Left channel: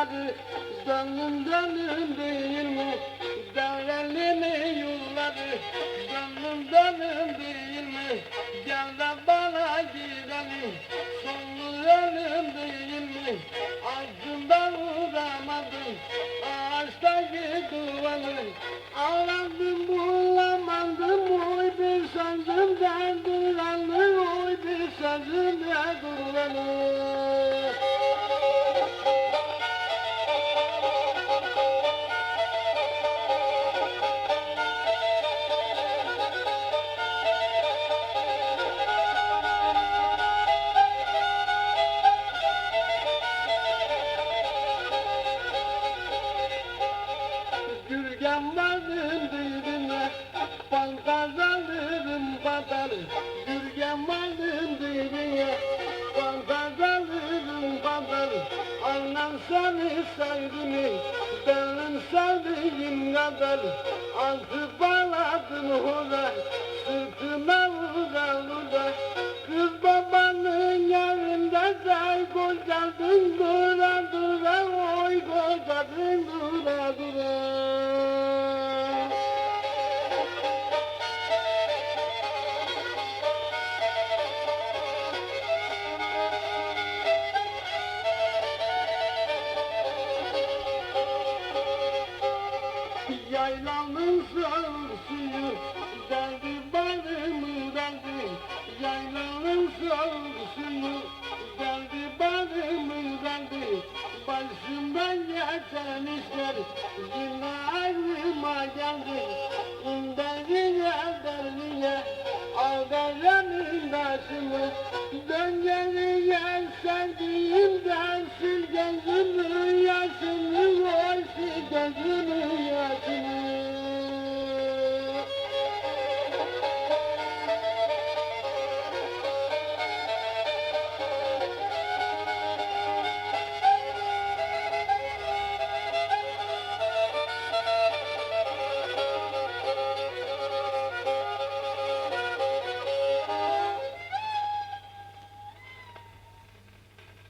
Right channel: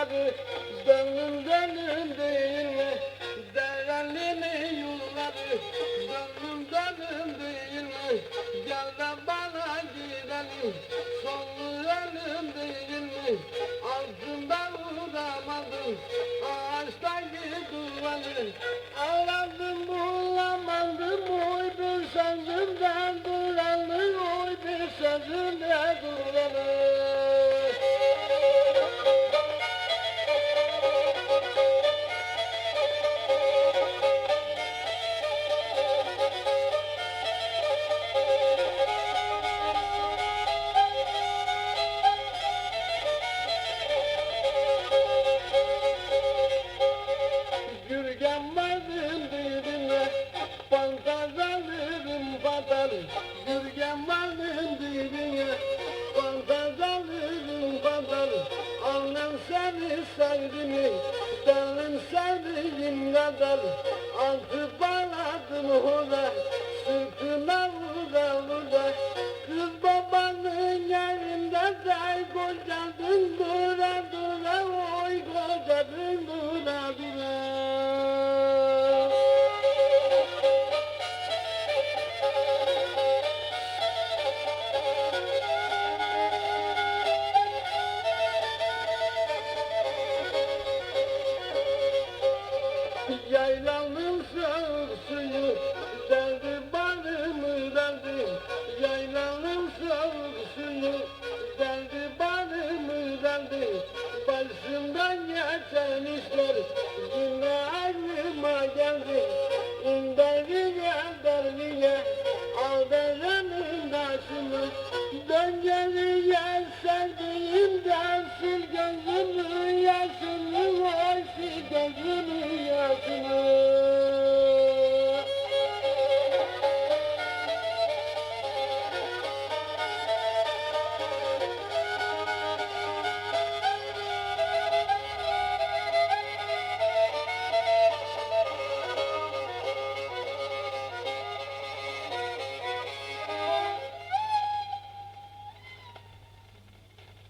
Yolları dönüm dönüm değil mi? Derelimi yolları dönüm dönüm değil mi? Gel de bana gidelim. Sollayalım değil mi? Altından vuramadım ağaçtaki duvarı Aradım bulamadım. Oy bir sözümden duranı oy bir sözümden duranı kadar Gürgen vardım dibine Pankaz alırım kadar Annem seni sevdi mi? Benim sevdiğim kadar. Altı baladın hula Sırtına vura vura Kız Yaylanın soğuk suyu deldi balımı deldi Yaylanın suyu deldi balımı deldi Başımdan geçen işler. Yine aklıma geldi. Derdiye derdiye. Aldananın başımı. Dön geriye sevdiğimden sil gözümü